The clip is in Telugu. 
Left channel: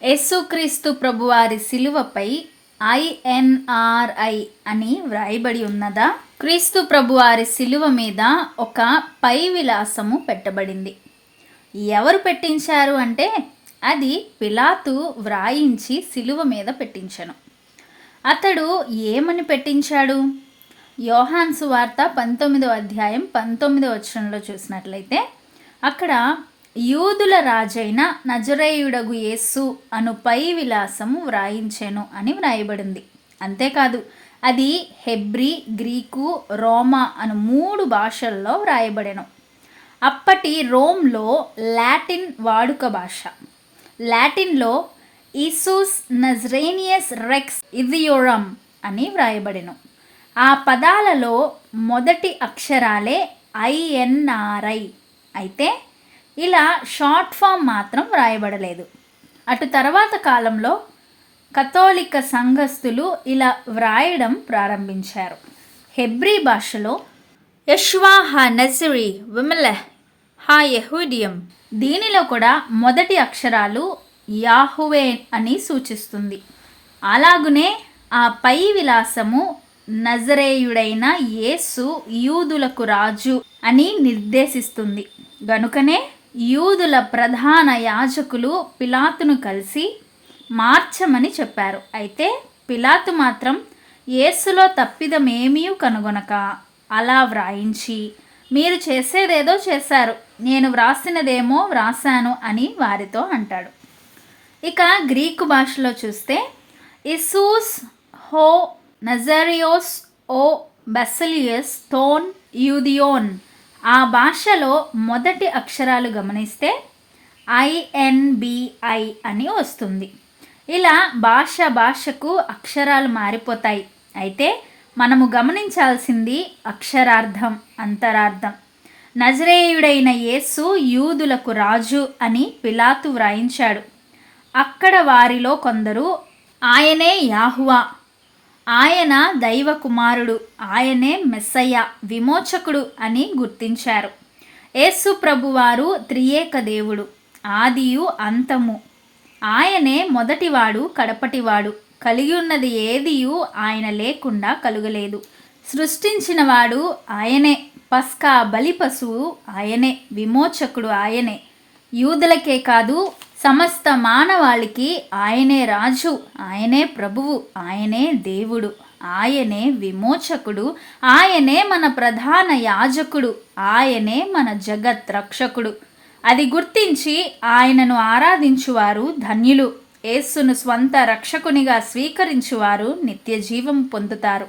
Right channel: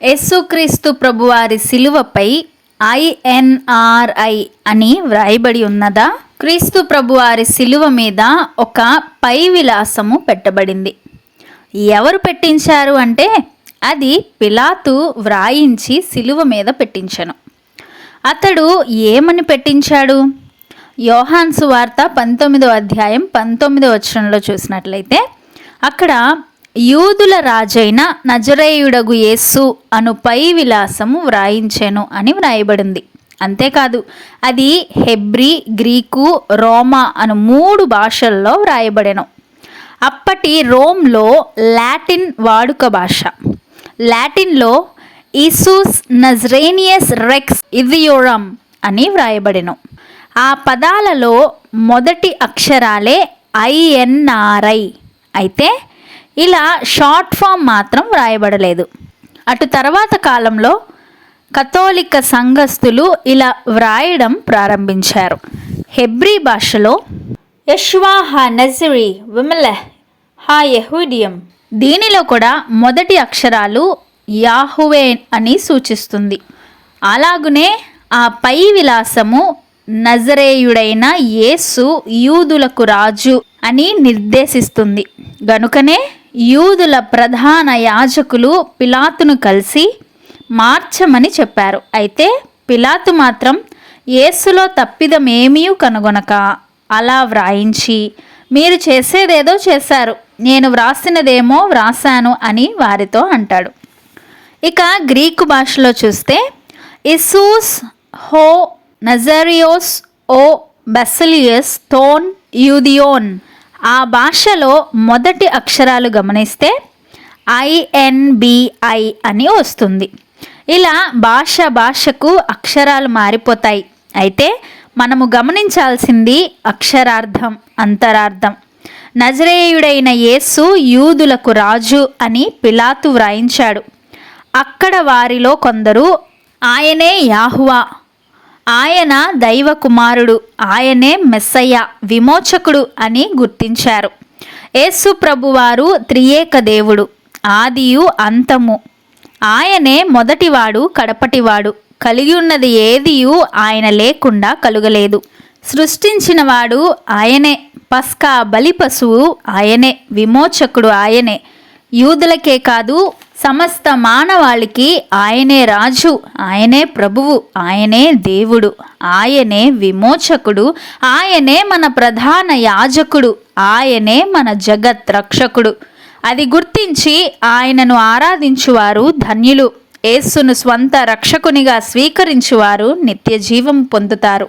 యేసుక్రీస్తు ప్రభువారి శిలువపై INRI అని వ్రాయబడి ఉన్నదా? క్రీస్తు ప్రభువారి శిలువ మీద ఒక పై విలాసము పెట్టబడింది. ఎవరు పెట్టించారు అంటే అది పిలాతు వ్రాయించి శిలువ మీద పెట్టించను. అతడు ఏమని పెట్టించాడు? యోహాను సువార్త 19వ అధ్యాయం 19వ వచనంలో చూసినట్లయితే అక్కడ యూదుల రాజైన నజరేయుడగు యేసు అను పై విలాసము వ్రాయించెను అని వ్రాయబడింది. అంతేకాదు అది హెబ్రీ, గ్రీకు, రోమా అను 3 భాషల్లో వ్రాయబడెను. అప్పటి రోమ్లో లాటిన్ వాడుక భాష. లాటిన్లో ఈసూస్ నజరేనియస్ రెక్స్ ఇథియోరమ్ అని వ్రాయబడెను. ఆ పదాలలో మొదటి అక్షరాలే INRI అయితే ఇలా షార్ట్ ఫామ్ మాత్రం వ్రాయబడలేదు. అటు తర్వాత కాలంలో కథోలిక సంఘస్థులు ఇలా వ్రాయడం ప్రారంభించారు. హెబ్రీ భాషలో యెషువా హా నజరీ విమలెహ్ హా యెహూదియం, దీనిలో కూడా మొదటి అక్షరాలు యాహువే అని సూచిస్తుంది. అలాగునే ఆ పై విలాసము నజరేయుడైన యేసు యూదులకు రాజు అని నిర్దేశిస్తుంది. గనుకనే యూదుల ప్రధాన యాజకులు పిలాతును కలిసి మార్చమని చెప్పారు. అయితే పిలాతు మాత్రం యేసులో తప్పిదమేమీ కనుగొనక అలా వ్రాయించి, మీరు చేసేదేదో చేశారు, నేను వ్రాసినదేమో వ్రాసాను అని వారితో అంటాడు. ఇక గ్రీకు భాషలో చూస్తే ఇసూస్ హో నజరియోస్ ఓ బెసిలియస్ థోన్ యూదియోన్, ఆ భాషలో మొదటి అక్షరాలు గమనిస్తే INBI అని వస్తుంది. ఇలా భాషకు అక్షరాలు మారిపోతాయి. అయితే మనము గమనించాల్సింది అక్షరార్థం, అంతరార్థం. నజరేయుడైన యేసు యూదులకు రాజు అని పిలాతు వ్రాయించాడు. అక్కడ వారిలో కొందరు ఆయనే యాహువా, ఆయన దైవ కుమారుడు, ఆయనే మెస్సయ్య, విమోచకుడు అని గుర్తించారు. యేసు ప్రభువారు త్రియేక దేవుడు, ఆదియు అంతము. ఆయనే మొదటివాడు, కడపటివాడు. కలిగి ఉన్నది ఏదియు ఆయన లేకుండా కలుగలేదు. సృష్టించినవాడు ఆయనే, పస్కా బలి పశువు ఆయనే, విమోచకుడు ఆయనే. యూదులకే కాదు సమస్త మానవాళికి ఆయనే రాజు, ఆయనే ప్రభువు, ఆయనే దేవుడు, ఆయనే విమోచకుడు, ఆయనే మన ప్రధాన యాజకుడు, ఆయనే మన జగత్ రక్షకుడు. అది గుర్తించి ఆయనను ఆరాధించువారు ధన్యులు. యేసును స్వంత రక్షకునిగా స్వీకరించువారు నిత్య జీవం పొందుతారు.